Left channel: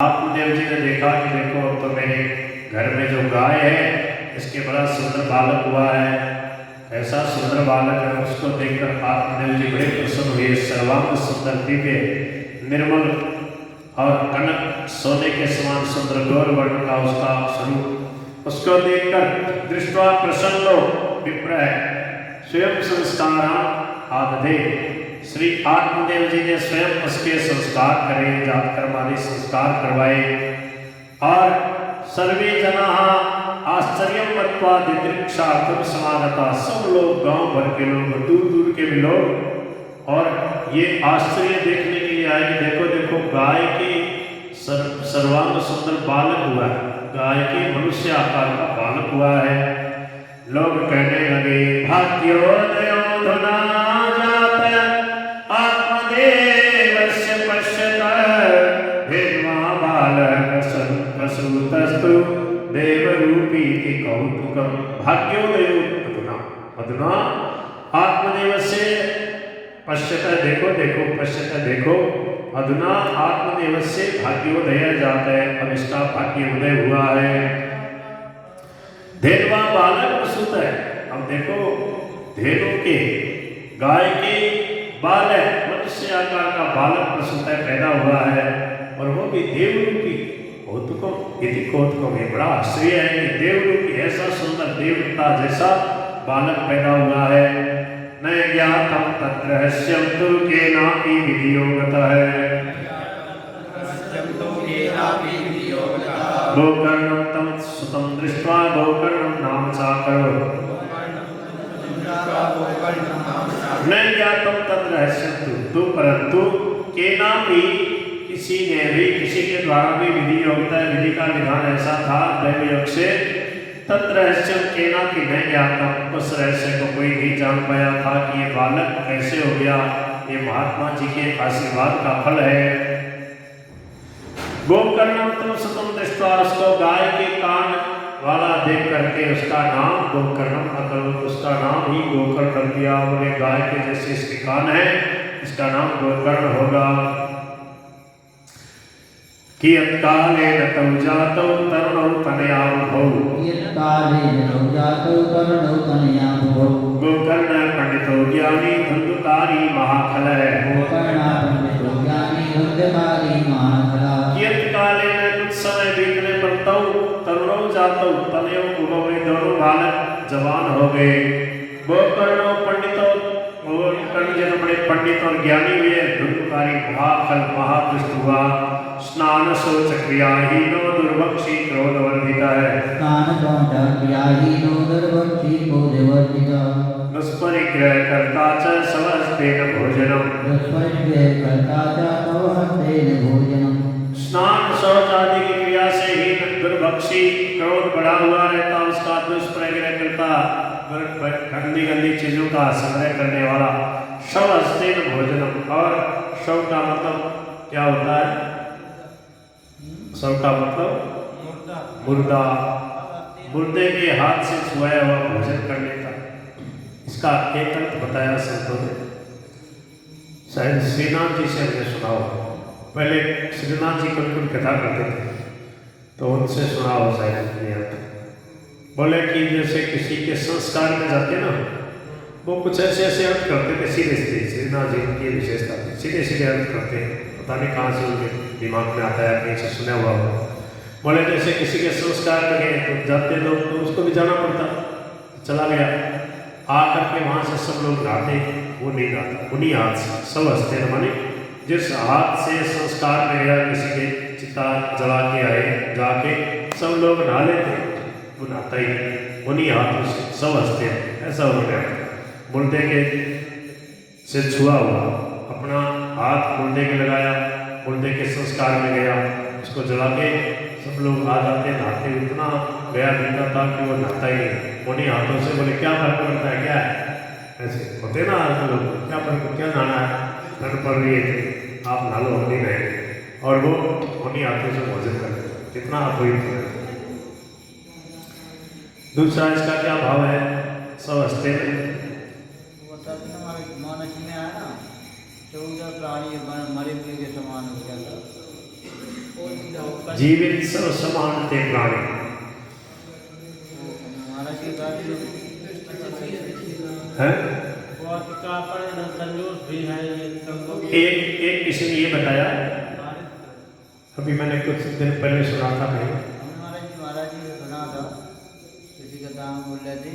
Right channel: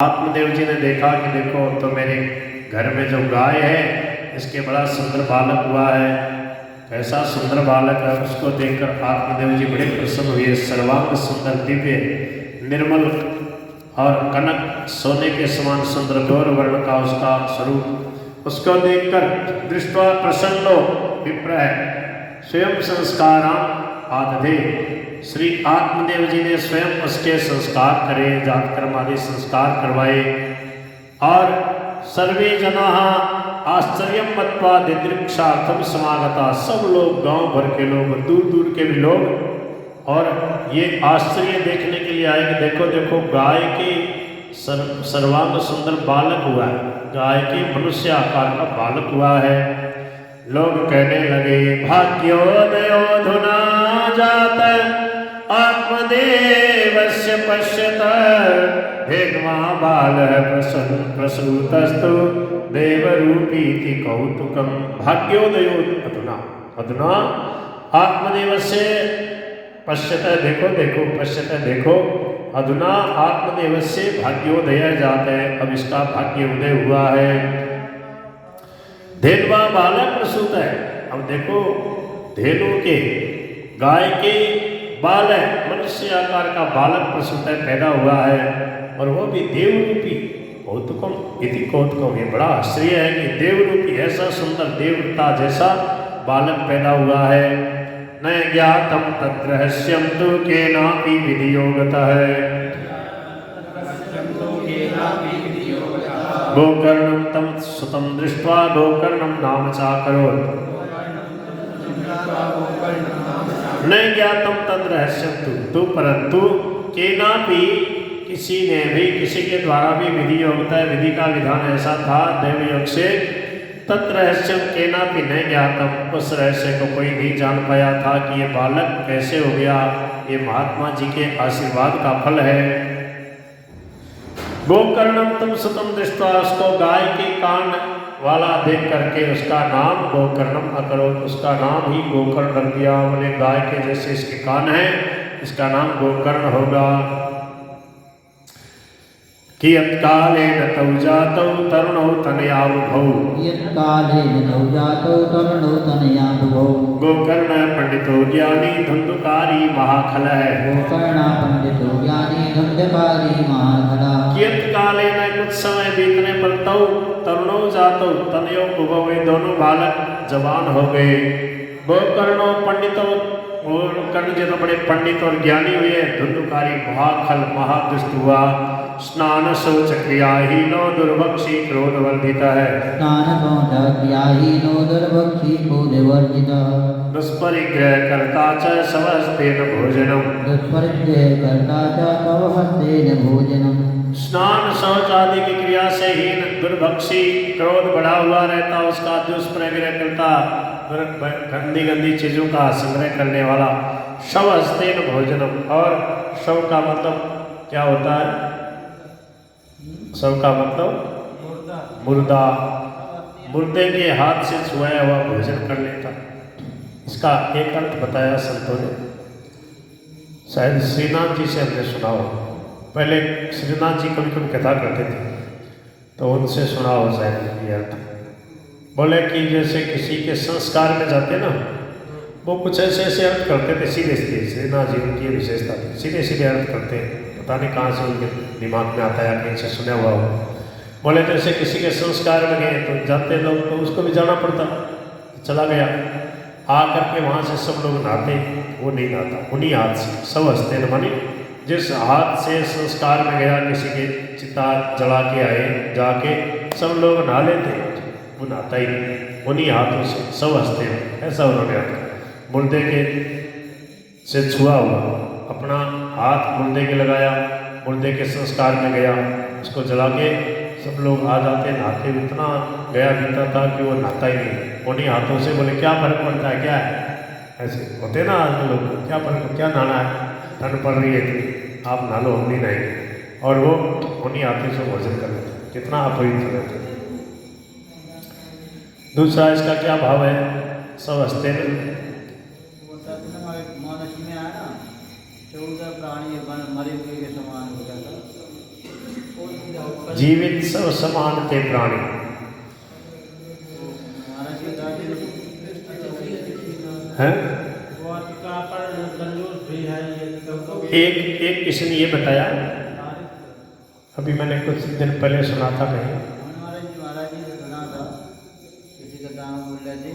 आत्मदेव जी ने देखा कि देखो तो मेरे घर में जो गाय है इसके बड़ा सुंदर बालक हुआ है, ऐसा सुंदर बालक है। उसको देखकर आत्मदेव जी बड़े प्रसन्न हुए। सर्वांग सुंदर दिव्य निर्मल और कनक सोने के समान सुंदर गौर वर्ण का उसका स्वरूप, उसको देखकर दृष्टवा प्रसन्नो विप्र है स्वयं संस्कार आदि। श्री आत्मदेव जी ने स्वयं उसके संस्कार करे, जात कर्म आदि संस्कार करवाए। और सर्वे जना आश्चर्य मत्वा दिदृक्षार्थम समागता, सब लोग गांव भर के लोग, दूर दूर के भी लोग और ये आश्चर्य देखने के लिए आए कि देखो देखो गाय के सर्वांग सुंदर बालक हुआ है, गाय के मनुष्य आकार का बालक हुआ है। लोग कहने लगे भाग्योदयोधुना जात आत्मदेवस्य पश्यत भेदमा बालक प्रसूतस्तु देवरूपीति कौतुकम। भाग्योदयो अधुना अधुना आत्मदेवस्य पश्यत, देखो देखो पश्यत देखो, अधुना आत्मदेवस्य भाग्योदय जाता है, अब इसका भाग्योदय हुआ है। धेनुआ बालक प्रसूत है, अब देखो धेनु के गाय के बालक मनुष्य आकार का बालक प्रसूत है, पैदा हुआ है, और वो भी देवरूपी कौतुकम इति कौतुकम। ये बड़ा आश्चर्य है कि देवरूपी ऐसा सुंदर देवता जैसा बालक पैदा हुआ है। न ज्ञातम तत्र रहस्यम तु केनापि विधियोगतः गोकर्णं तं सुतं दृष्ट्वा गोकर्णं नाम चाकरोत्। न ज्ञातम तत्र रहस्यम तु परंतु केनापि किसी ने भी, किसी के द्वारा भी विधि होता है, विधि का विधान ऐसा था दैव योग से, तत् रहस्य केनापि न ज्ञातम, उस रहस्य को कोई नहीं जान पाया था कि ये बालक कैसे हो गया। ये महात्मा जी के आशीर्वाद का फल है। गोकर्णम तम सुतम दृष्टवा, उसको गाय के कान वाला देख करके उसका नाम गोकर्णम न करो, उसका नाम ही गोकर्ण कर दिया। मैंने गाय के जैसे इसके कान है, इसका नाम गोकर्ण होगा। कियत्कालेन तौ जातौ तरुणौ तनयावुभौ, गोकर्ण पंडितो ज्ञानी धुंधकारी महाखलः। कियत्कालेन कुछ समय बीतने पर तौ तरुणौ जातौ तनयोवुभौ, दोनों बालक जवान हो गए। गोकर्ण पंडितो, और कर्ण जो बड़े पंडित और ज्ञानी हुए, धुंधकारी महाखल महादुष्ट हुआ। स्नान शौच क्रियाहीनो दुर्भक्षी क्रोधवर्धिता है, दुष्परिग्रह कर्ता च स्वहस्तेन भोजनम। स्नान शौच आदि की क्रिया से ही दुर्भक्षी, क्रोध बढ़ा हुआ रहता, उसका दुष्परिग्रह करता, गंदी गंदी चीजों का संग्रह करने वाला। स्वहस्तेन भोजनम, और शव का मतलब क्या होता है? शव का मतलब मुर्दा, मुर्दे के हाथ से छुआया हुआ भोजन करने का। इसका एक अर्थ बताया संतों ने, शायद श्रीनाथ जी से हमने सुना हो। पहले श्रीनाथ जी कभी कभी कथा करते थे तो उनसे सुना हो शायद ये अर्थ। बोले कि जैसे किसी के संस्कार में जाते ना, वो कुछ ऐसे ऐसे अर्थ करते थे सीधे सीधे। श्रीनाथ जी की विशेषता थी, सीधे सीधे अर्थ करते हैं, पता नहीं कहाँ से उनके दिमाग में आता है, कहीं से सुना हुआ हो। बोले जैसे किसी के संस्कार में गए तो जाते लोग, तो उसको भी जाना पड़ता, चला गया, आकर के वहाँ से सब लोग नहाते, वो नहीं नहाता, उन्हीं हाथ से सब हंसते न, माने जिस हाथ से संस्कार में गया, किसी के चिता जला के आए, जाके सब लोग नहा लेते, वो नहाता ही नहीं, उन्हीं हाथों से सब हंसते हैं। ऐसा उन्होंने मुर्दे के से छुआ हुआ अपना हाथ मुर्दे के लगाया, मुर्दे के संस्कार में गया, उसको जला के सब लोग आ जाते नहाते। इतना गया बीता था कि वो नहाता ही नहीं, उन्हीं हाथों से। बोले क्या फर्क पड़ता है, क्या है, ऐसे होते ना लोग, क्या फर्क, क्या नहाना है, ठंड पड़ रही है आप नहा लो, हम नहीं नहाएंगे, और वो उन्हीं हाथों से भोजन कर लेते। कितना अपवित्र रहते। दूसरा इसका क्या भाव है? सब हंसते हैं। मानस में आया ना, 14 प्राणी मरे हुए के समान हो जाता। जीवित सब समान थे प्राणी। हैं? एक किसी ने ये बताया, अभी मैंने कुछ दिन पहले सुना था कहीं, किसी का दाम बोल रहे थे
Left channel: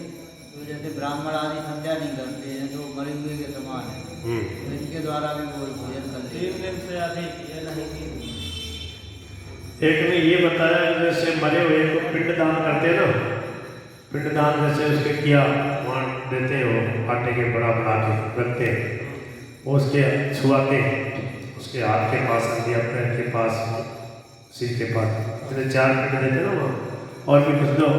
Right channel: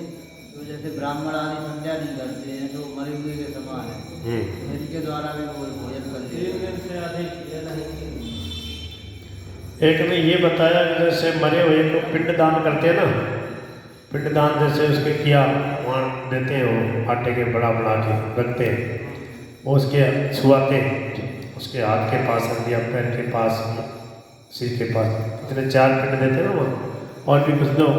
तो जैसे ब्राह्मण आदि संध्या नहीं करते हैं तो मरे हुए के समान है, इनके द्वारा भी वो भोजन करते हैं। एक ने ये बताया कि जैसे मरे हुए को पिंडदान करते हैं ना, पिंडदान जैसे उसके किया वहाँ देते हैं, वो आटे के बड़ा बना के रखते हैं, वो उसके छुआते, उसके हाथ के पास रख दिया, पैर के पास, सिर के पास, इतने 4 पिंड देते हैं ना वहाँ। और भी कुछ लोग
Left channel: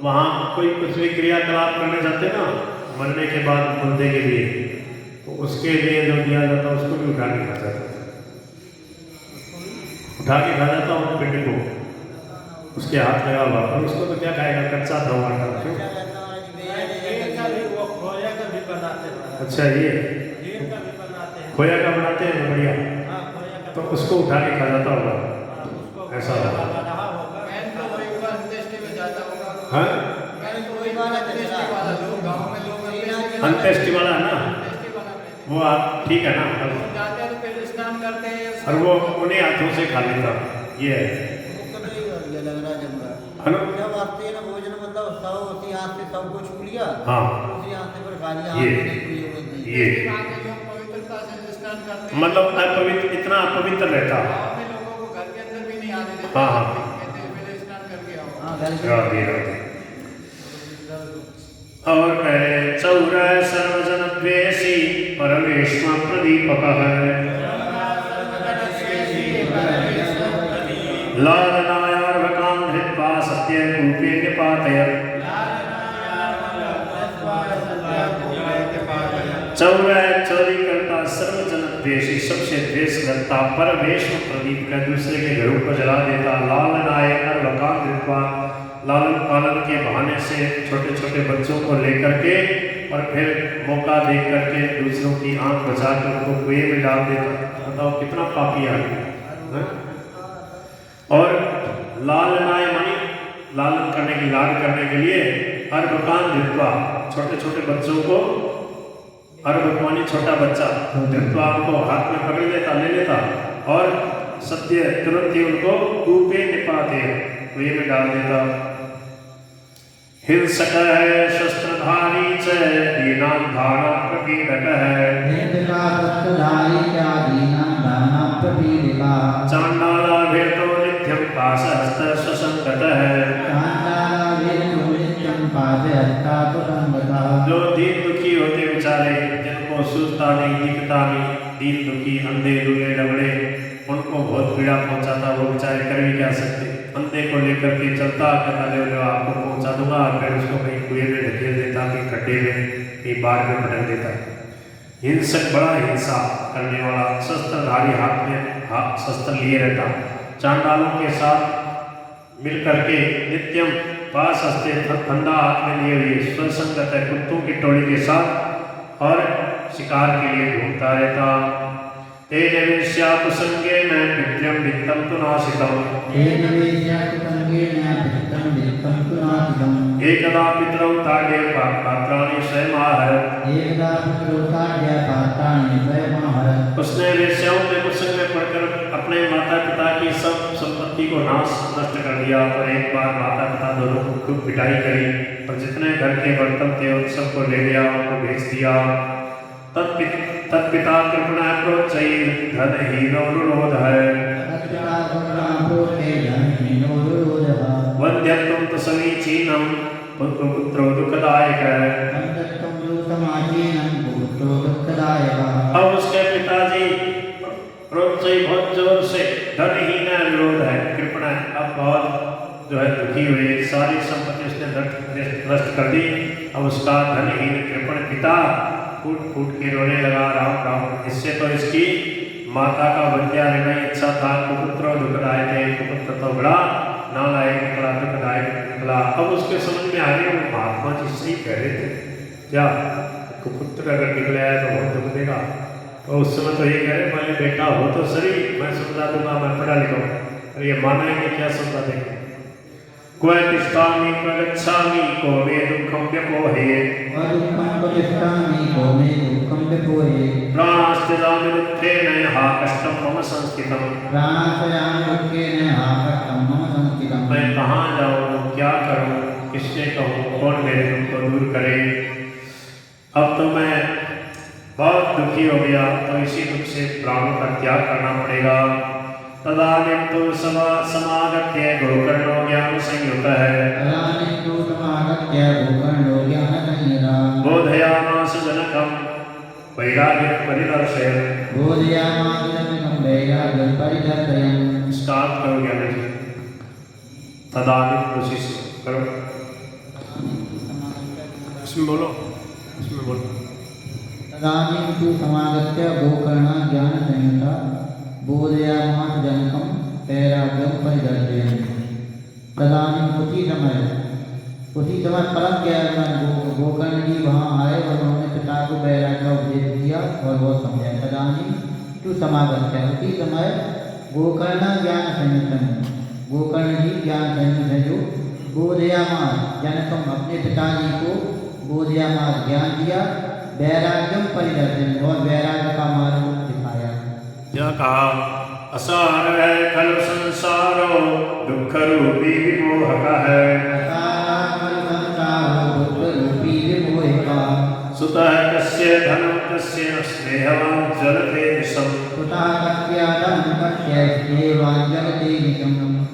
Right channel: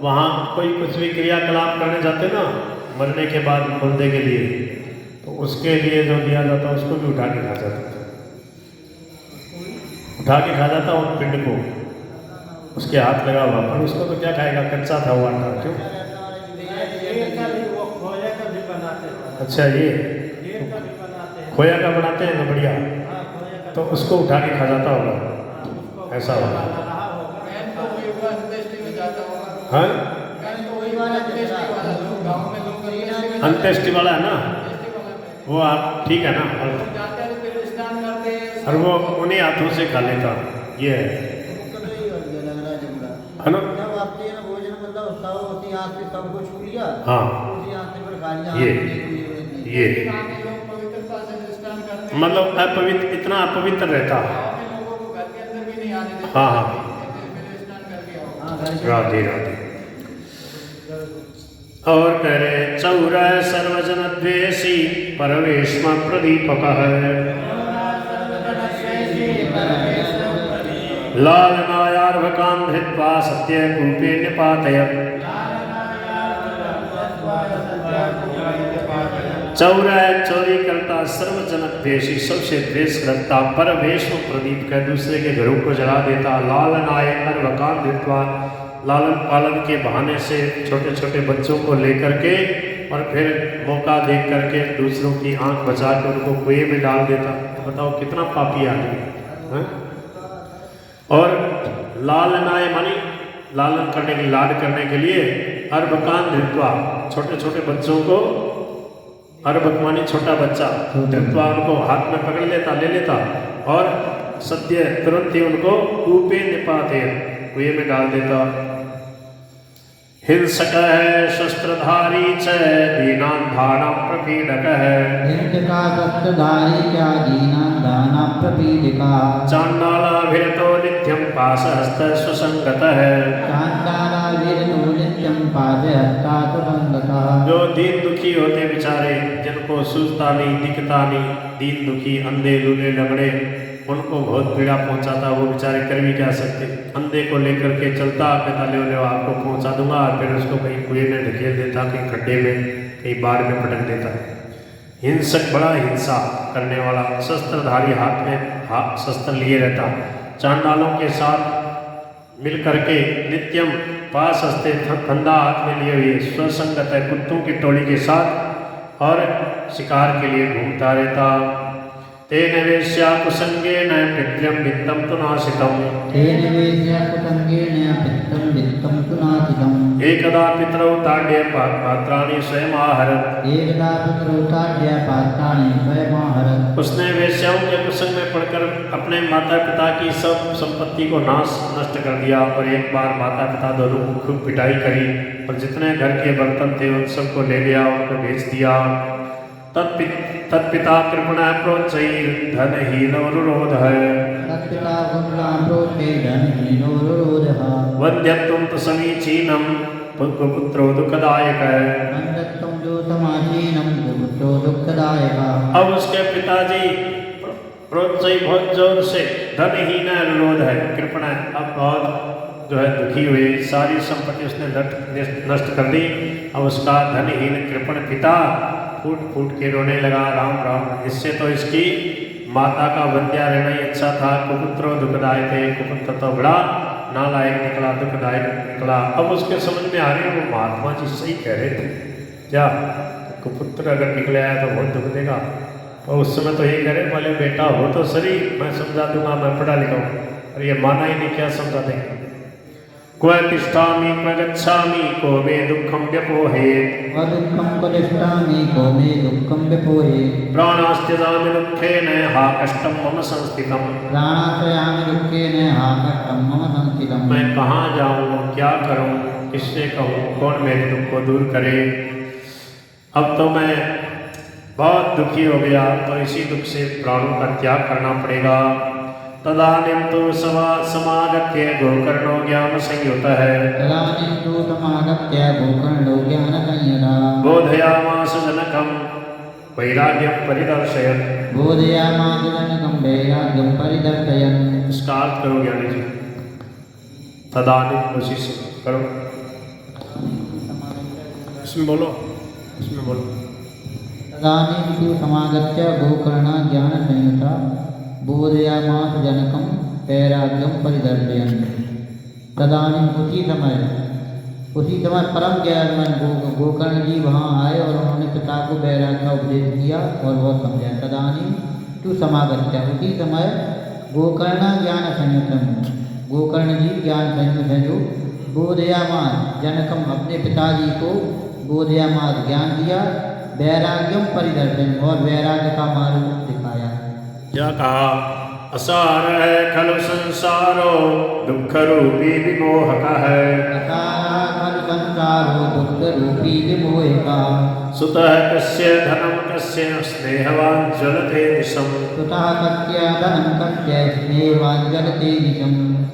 वहाँ कोई कुछ भी क्रियाकलाप करने जाते हैं ना मरने के बाद मुर्दे के लिए, तो उसके लिए जो दिया जाता है उसको भी उठा के खा जाता है, उठा के खा जाता उन पिंड को, उसके हाथ लगा हुआ, पर उसको तो क्या खाएगा, कच्चा था वो आटा। क्यों? अच्छा, ये खोया का बनाते हैं ना, बढ़िया, तो उसको उठा के खा जाता होगा, ऐसा होगा। हाँ, अंत्येष्टि वाला है ना वो, आप ठीक है ना, और वो उन्हीं हाथों से खा लेता, ये है ना। जब आप तेन भोजन मतलब सब कुछ छू लिया, हाँ, उसी हाथ पर खा लिया, ये मतलब अपवित्र, इतना अपवित्र रहता। हाँ हाँ, राधे राधे। और कह रहे चौर सर्वजन द्वेषी परवेश्म प्रदीपक लाल नायार्भकान् धृत्वा सत्य कूपे निपातयत्। चौर चोरी करता, सर्वजन द्वेषी, सबसे द्वेष रखता, परवेश्म प्रदीप कर दूसरे के घरों को जला देता, लाल नायार्भकान् धृत्वा, लालन पालन के बहाने से छोटे छोटे बच्चों को लेकर के और फिर मौका देख करके दूसरों की आंख बचा कर उनको कुएं में डाल देता। बताओ कितना पापी आदमी है। और लालनाय मानी लालन करने की, लाड करने के लिए अर्भकान धृत्वा, छोटे छोटे बच्चों को, अर्भक मानी छोटा बच्चा, धृत्वा उनको हाथ में पकड़ लेता, ले लेता, और सत्य तुरंत ही उनको कूपे निपाते, कुएं में डाल देता। हिंसक है शस्त्रधारी च दीनां दानं प्रपीडकः, चांडाला भेदो नित्यं पाशहस्त सुसंगतः, जो दीन दुखी होते बेचारे, जिनको सूझता नहीं, दिखता नहीं, दीन दुखी, अंधे लूले लंगड़े, उनको बहुत पीड़ा पहुंचाता, वो बेचारे कर भी क्या सकते। अंधे को लेकर के चलता, कहता ले लो आपको पहुंचा दूंगा, फिर उसको कहीं कुएं में ढकेल देता, कहीं खड्डे में, कहीं बाढ़ में पटक देता। हिंसक, बड़ा हिंसा करने वाला, शस्त्रधारी, हाथ में शस्त्र लिए रहता, चांडालों के साथ मिल करके, नित्यम पास हंसते, धंधा हाथ में लिए हुए, स्वसंगत है, कुत्तों की टोली के साथ और शिकार के लिए घूमता रहता। तेन वेश्यात् संगेन पितृं वित्तं तु नाशितम्, एकदा पितरौ ताड्ये पात्राणि स्वयमाहरत्, उसने वेश्याओं के प्रसंग में पढ़कर अपने माता पिता की सब संपत्ति को नष्ट कर दिया, और एक बार माता पिता दोनों को खूब पिटाई करी, और जितने घर के बर्तन थे उन सबको ले लिया, उनको बेच दिया। तत्पिता कृपणा प्रोत्साही धनहीनोनुरोधः, वन्द्यत्वं तु समीचीनं पुत्रो दुःखदायकः। अब उसके पिताजी प्रोत्साही बहुत जोर से, धनहीन अनुरोध है, कृपणा, अब बहुत जो है दुखी हुए, सारी संपत्ति उसने नष्ट कर दी। अब उसका धनहीन कृपण पिता फूट फूट के रोने लगा, राम राम, इससे तो इसकी माता का वंद्या रहना ही अच्छा था। कुपुत्र दुखदायक थे, कुपुत्र तो बड़ा नालायक निकला, दुखदायक निकला। अब उसके समझ में आ रही वो महात्मा जी सही कह रहे थे, क्या कुपुत्र अगर निकले आया तो बहुत दुख देगा। तो उस समय तो ये कह रहे पहले बेटा हो तो सही, मैं समझा दूंगा, मैं पढ़ा लिखा हूँ, और ये माना ही नहीं, क्या समझा देंगे। क्व तिष्ठामि क्व गच्छामि को मे दुःखं व्यपोहे प्राणास्त्यजामि दुःखेन हा कष्टं मम संस्थितम्। मैं कहाँ जाऊँ, क्या करूँ, किससे कहूँ, कौन मेरे दुख को दूर करे। अब तो मैं बहुत दुखी हो गया, तो इसी दुख से प्राणों का त्याग करना पड़ेगा। तदानीं तु समागत्य गोकर्णो ज्ञान संयुतः बोधयामास जनकं वैराग्यं परिदर्शयन्। स्टार्ट करो ज्ञानी जी, तदानीं उसी से करो, इसमें बोलो, इसमें बोलो। तदानीं तु समागत्य गोकर्ण ज्ञान संयुता बोधयामास जनकं वैराग्यं परिदर्शयन्। तदानीं उसी समय परम ज्ञान गोकर्ण जी वहाँ आए और उन्होंने पिता को वैराग्य का उपदेश किया और वह समझा। तदानीं तु समागत्य, उसी समय गोकर्ण ज्ञान संयुतम, गोकर्ण जी ज्ञान संयुत है जो बोधयामास जनकम, अपने पिताजी को बोधयामास ज्ञान दिया, वैराग्यम परिदर्शन, और वैराग्य का मार्ग दिखाया। क्या कहा, असार है खलु संसारो दुख रूपी विमोहक है। सुतः कस्य धनं कस्य स्नेहवान् ज्वलते निशम्।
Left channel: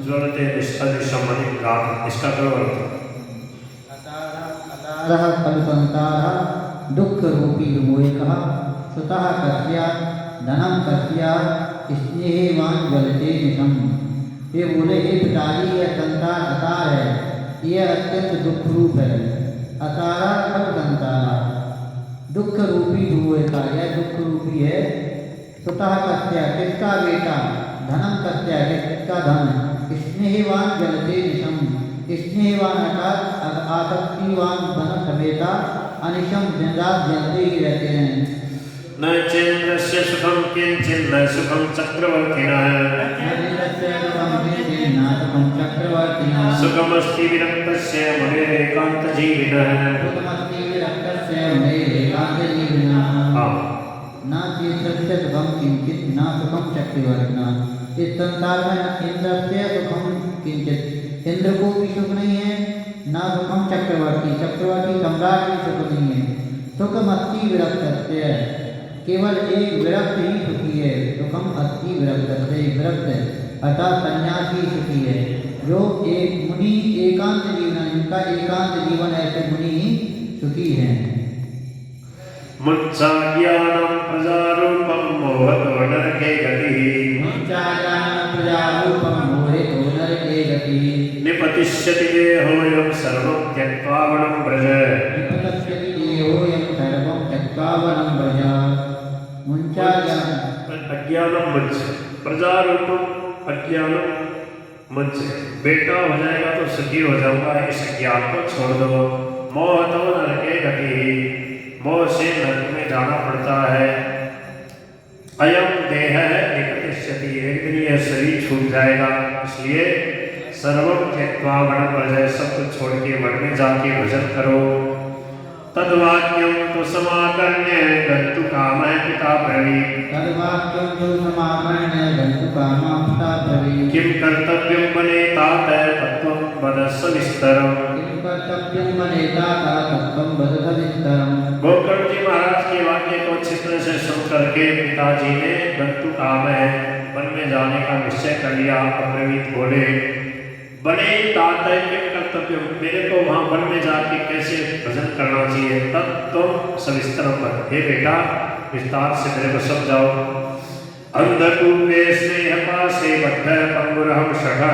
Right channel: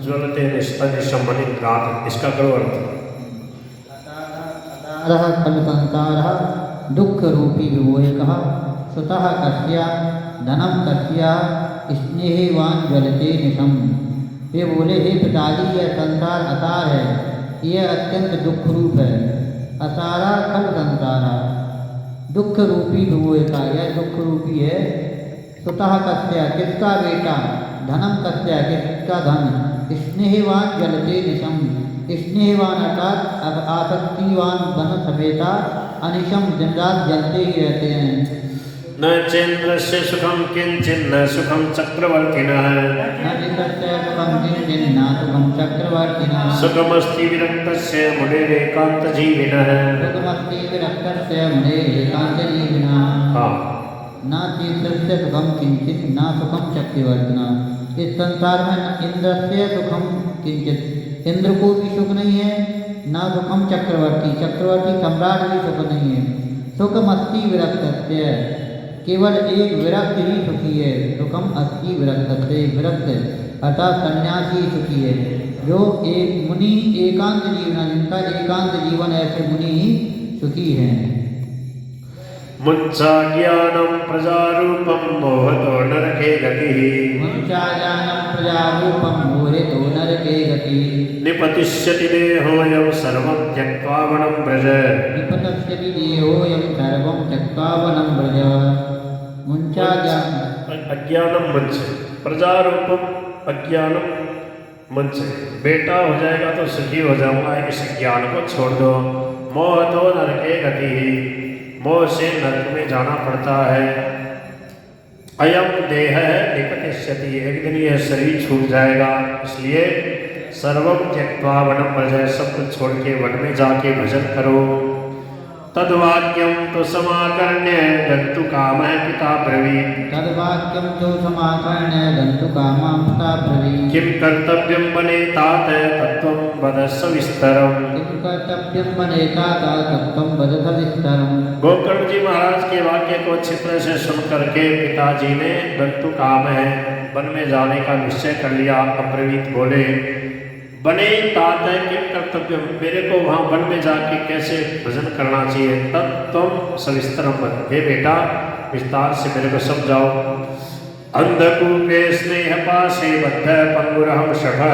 ज्वलते निष्पदिशम्, इसका करो अर्थ। खलु संसारः दुख रूपी विमोहकः, सुतः कस्य धनं कस्य स्नेहवान् ज्वलते निशम्। वे बोले, हे पिताजी, यह संसार असार है, यह अत्यंत दुख रूप है। असारा खलु संसारा, दुख रूपी विमोहका, यह दुख रूपी है। सुतः कस्य, किसका बेटा, धनम कस्य, किसका धन, स्नेहवान जलते निशम, स्नेहवान अर्थात आसक्तिवान धन समेता अनिशम, दिन रात जलते ही रहते हैं। न चेन्द्रस्य सुखं किंचित् न सुखं चक्रवर्तिनः। सुखमस्ति विरक्तस्य मुनेरेकान्तजीविनः। न चेन्द्रस्य सुखं किंचित् न सुखं चक्रवर्तिनः। इस संसार में न इंद्र से सुखम किंचित, इंद्र को भी सुख नहीं है, न सुखम चक्रवर्ती, चक्रवर्ती सम्राट भी सुख नहीं है। सुखमस्ति विरक्तस्य, केवल एक विरक्त ही सुखी है। सुखम अस्ति विरक्त, विरक्त अर्थात सन्यासी सुखी है। जो एक मुनि एकांत जीवन, जिनका एकांत जीवन, ऐसे मुनि ही सुखी हैं। मुच्चा ज्ञानम प्रजारूपम मोहतो नरके गतिः। मुच्चा ज्ञानम प्रजारूपम मोहतो नरके गतिः। निपतिष्यति देहोऽयं सर्वं त्यक्त्वा वनं व्रज। निपतिष्यति देहोऽयं सर्वं त्यक्त्वा वनं व्रज। मुच्चा अज्ञानम मुच्च, प्रजारूपम अज्ञानम मुच्च, बेटा हो जाएगा तो सुखी हो जाऊंगा, इस ज्ञान को छोड़ दो। मोहतो नरके गतिः, मोह से नरक में जाना पड़ता है। अयम देह निपतिष्यति, एक दिन यह शरीर छूट जाएगा, इसलिए सर्वं त्यक्त्वा वनं व्रज, सब कुछ छोड़ के वन में जाके भजन करो। तद्वाक्यं तु समाकर्ण्य गन्तु कामः पिता ब्रवीत्। तद्वाक्यं तु समाकर्ण्य गन्तु कामः पिता ब्रवीत्। किं कर्तव्यं वने तात तत्त्वं वद सविस्तरम्। किं कर्तव्यं वने तात तत्त्वं वद सविस्तरम्। गोकर्ण जी महाराज के वाक्य को अच्छी तरह से सुन करके पिताजी ने गन्तु कामः, वन में जाने का निश्चय कर लिया। अब्रवीत बोले, बने तात किम कर्तव्य, मेरे को वहाँ वन में जाके कैसे भजन करना चाहिए। तब तुम सविस्तरम बन, हे बेटा विस्तार से मेरे को समझाओ। अंधकूपे स्नेह पासे बद्ध पंगुरहं षठः।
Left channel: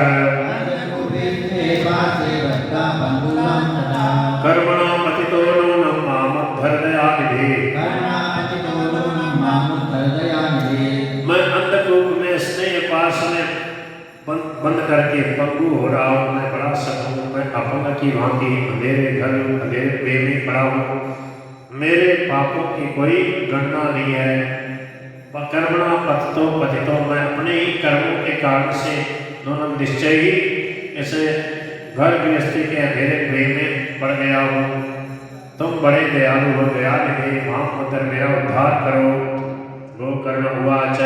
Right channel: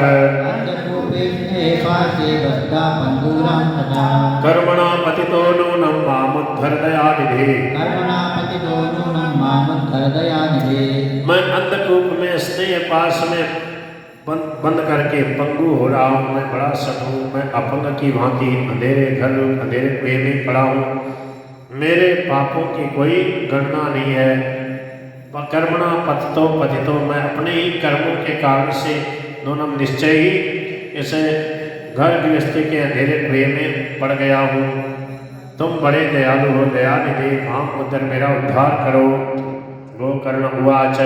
कर्मणा पतितो नूनं मामद्धरदयानिधि। मैं अंधकूप में स्नेह पास में बंद करके पंगु हो रहा हूँ, मैं बड़ा सट हूँ, मैं अपंग की भांति अंधेरे घर अंधेरे प्रेम में पड़ा हूँ। मेरे पापों की कोई गणना नहीं है। कर्मणा पतितो पतितो, मैं अपने ही कर्मों के कारण से दोनों निश्चय ही ऐसे घर गृहस्थी के अंधेरे प्रेम में पड़ गया हूँ। तुम बड़े दयालु हो, दयानिधि, माम उधर मेरा उद्धार करो। गोकर्ण उवाच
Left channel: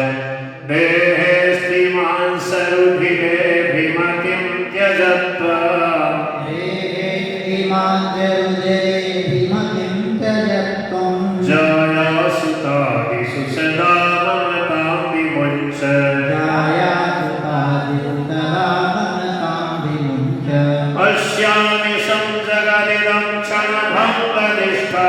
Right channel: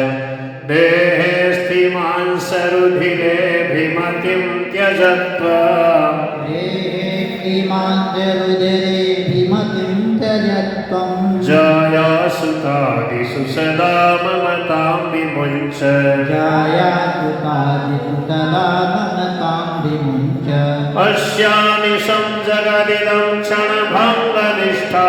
देहेऽस्तिमान् सरुधिरे भीमतिं त्यजत्वा जायासुतादिषु सदा ममतां विमुञ्च पश्यानिशं जगदिदं क्षणभङ्गनिष्ठा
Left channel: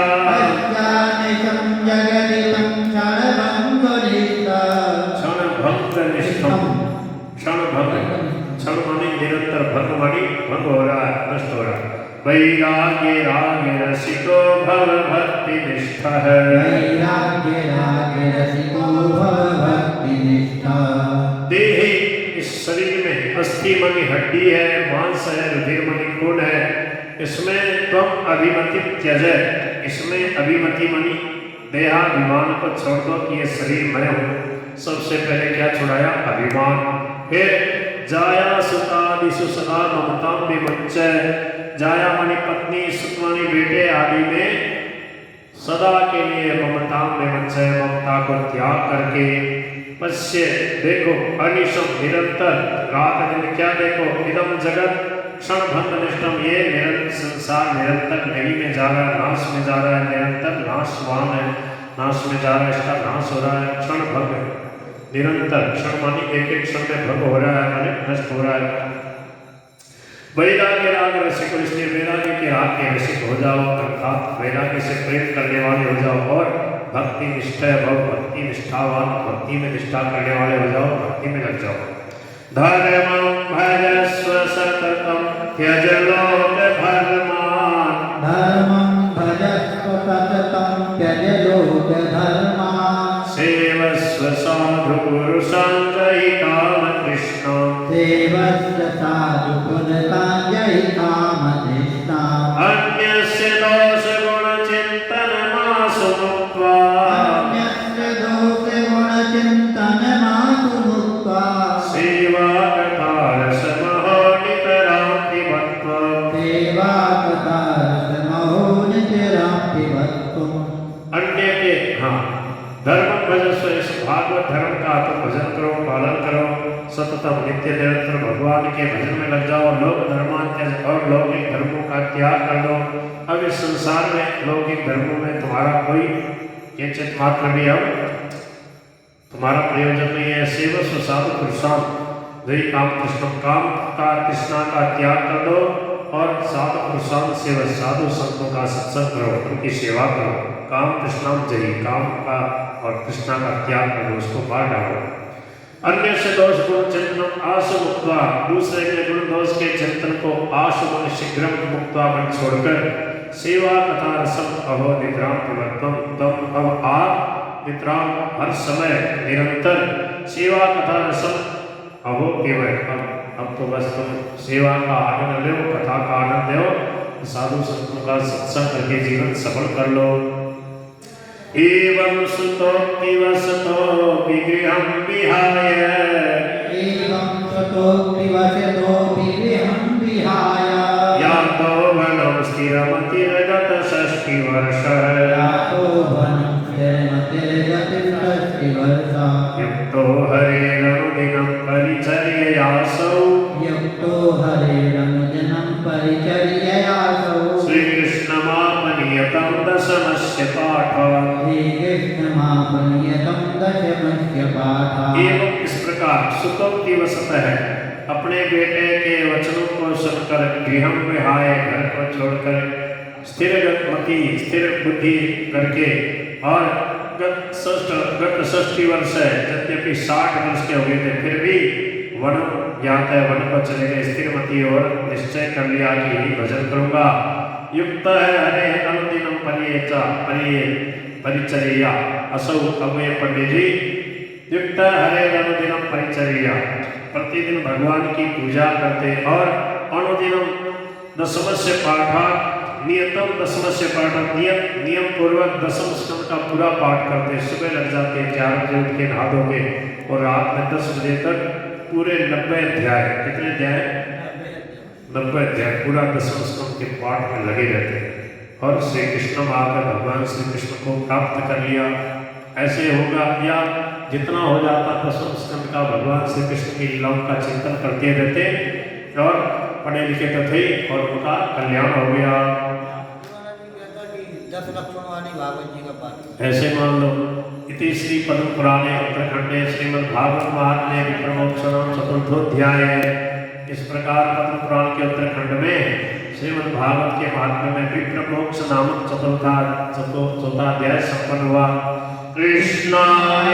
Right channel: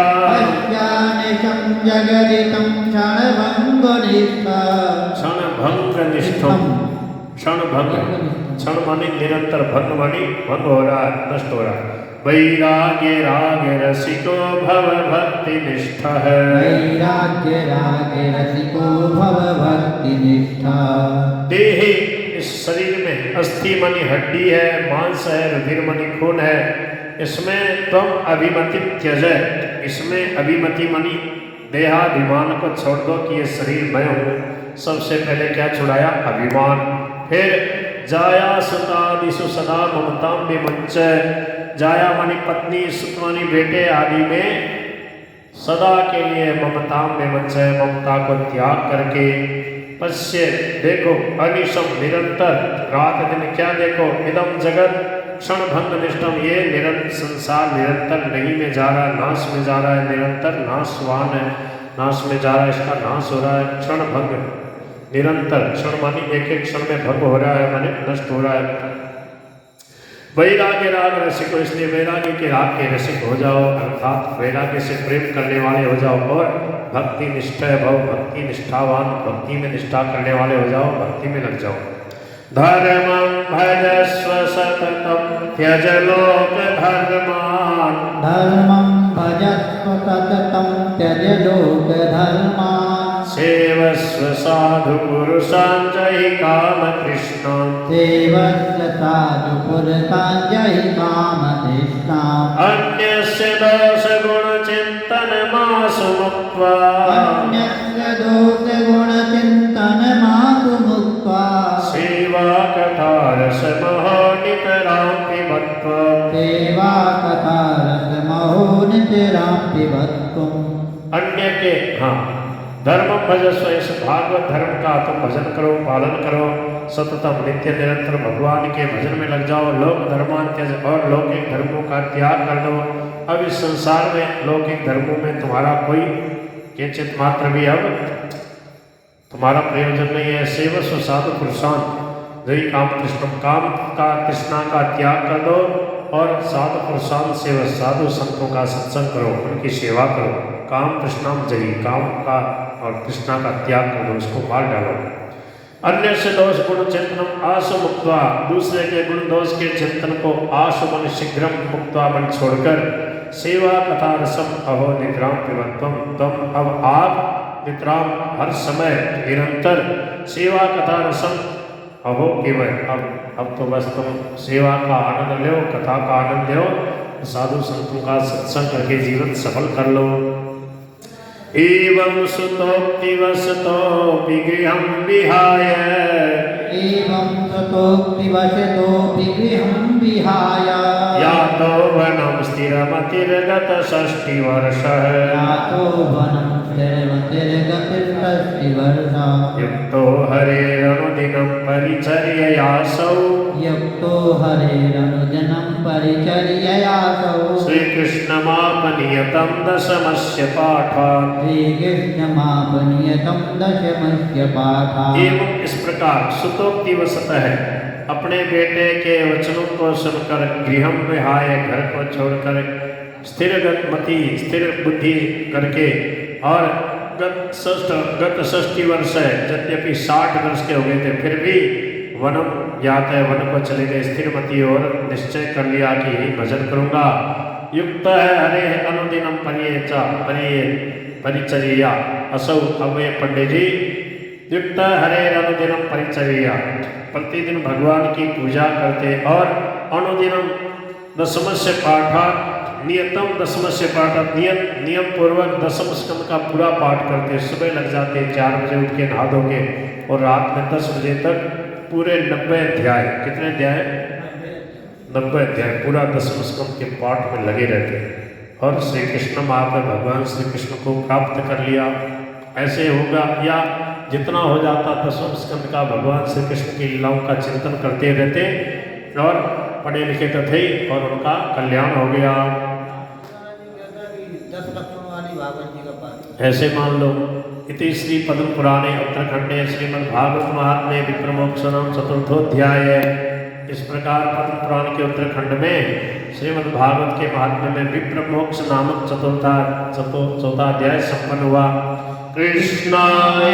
क्षण माने निरंतर भंग मानी भंग हो रहा है, नष्ट हो रहा है। वैराग्य राग रसिको भव भक्ति निष्ठा है। देहि इस शरीर में अस्थि मणि हड्डी है, मांस है, रुधिर मणि खून है। इसमें तुम अभिमति त्यज, इसमें अभिमति मणि देहाभिमान को छोड़ दो कि ये शरीर मैं हूँ। सबसे पहले क्या छुड़ाया? अभिमान। फिर जाया सुतादिषु सदा ममतां विमुञ्च, जाया मानी पत्नी, सुत मानी बेटे आदि में सदा के लिए ममतां विमुञ्च, ममता को त्याग करके पश्य देखो अनिशम निरंतर, रात दिन क्या देखो, इदम जगत क्षण भंग निष्ठम, ये निरंतर संसार निरंतर नहीं में जा रहा है, नाश में जा रहा है, निरंतर नाशवान है, नाश में जा रहा है, इसका नाश हो रहा है। क्षण भंग निरंतर, क्षण मानी एक एक क्षण में भंग हो रहा है, माने नष्ट हो रहा है। वैराग्य राग रसिक, इसलिए वैराग्य के राग के रसिक हो जाओ, अर्थात वैराग्य से प्रेम करने वाले हो जाओ और भक्ति निष्ठा भव, भक्ति निष्ठावान, भक्ति में निष्ठा करने वाले हो जाओ, भक्ति में लग जाओ। धर्मं भजस्व सततं त्यज लोक धर्मान्, धर्मं भजस्व सततं त्यज लोक धर्मान्, सेवस्व साधु पुरुषान् जहि काम कृष्णं, सेवस्व साधु पुरुषान् जहि काम कृष्णं, अन्यस्य दोष गुण चिंतन मासु मुक्त्वा, अन्यस्य दोष गुण चिंतन मासु मुक्त्वा, सेवा कथा रस महो नितरां पिबत्वा, सेवा कथा रस महो नितरां पिबत्वा। अन्य के धर्म भजस्व, इस भागवत धर्म का तुम भजन करो, पालन करो, सततम नित्य निरंतर भगवान के भजन में लग जाओ। लोक धर्मान त्यज, और लौकिक धर्मों का त्याग कर दो। अब इस संसार में लौकिक धर्मों में तुम्हारा कोई किंचित मात्र भी अब तुम्हारा प्रयोजन नहीं है। सेवस्व साधु पुरुषान जय काम कृष्ण, काम का कृष्णा का त्याग कर दो और साधु पुरुषान सेवा, साधु संतों का सत्संग करो, उनकी सेवा करो। काम कृष्णाम जय, काम का और कृष्णा का त्याग करो, उसको मार डालो। अन्य से दोष गुण चिंतन आशु मुक्त्वा, दूसरे के गुण दोष के चिंतन को आशु गुण शीघ्र मुक्त्वा मन छोड़कर, सेवा कथा रसम अहो निद्राम पिबत्वम, तुम अब आप निद्राम हर समय निरंतर सेवा कथा रसम अहो केवल, अब तो बस तुम सेवा का आनंद लो, कथा का आनंद लो, साधु संतों का सत्संग करके जीवन सफल कर लो। एवं सुतोक्ति वसतो विगृहं विहाय, एवं सुतोक्ति वसतो विगृहं विहाय, यातो वनं स्थिरमतिर्गत षष्टिवर्षः, यातो वनं स्थिरमतिर्गत षष्टिवर्षः, युक्तो हरेरनुदिनं परिचर्ययासौ, युक्तो हरेरनुदिनं परिचर्ययासौ, श्रीकृष्णमापनियतं दशमस्य पाठः, श्रीकृष्णमापनियतं दशमस्य पाठः। एवं इस प्रकार सुतोक्ति वसत है, अपने बेटे के वचनों को सुनकर गृहम विहाय, घर को छोड़कर स्थिर गति स्थिर बुद्धि करके, और गत 60 वर्ष है, यद्यपि 60 वर्ष के हो गए थे फिर भी वनम जाता है, वन को चले गए स्थिर मति और निश्चय कर लिया कि यही भजन करूंगा। युक्त है हरे अनुदिनम परिचर्या असौ, अवय पंडित जी, युक्त हरे अनुदिनम परिचर्या, प्रतिदिन भगवान की पूजा करते और अनुदिनम दशमस्य पाठ, नियतम दशमस्य पाठ, नियम पूर्वक दशम स्कंद का पूरा पाठ करते। सुबह लग जाते 4 बजे उठ के नहा धोके और रात में 10 बजे तक पूरे 90 अध्याय, कितने अध्याय? 90 अध्याय पूरा दसम स्कंद के पाठ में लगे रहते हैं। और श्री कृष्ण महाप्रभु भगवान श्री कृष्ण को प्राप्त कर लिया, ऐसे होगा। या जितना हो जाता दसम स्कंद का भगवान श्री कृष्ण की लीलाओं का चिंतन करते रहते और पढ़े लिखे तो थे और उनका कल्याण हो गया। 10 लक्षण वाली भागवत जी का पाठ ऐसे मान लो। इति श्री पद्म पुराणे उत्तरखंडे श्रीमद् भागवत महात्म्ये विप्रमोक्षणम चतुर्थोध्याय। इस प्रकार पद्म पुराण के उत्तरखंड में श्रीमद् भागवत के महात्म्य में विप्रमोक्ष नामक चौथा अध्याय संपन्न हुआ। कृष्णाय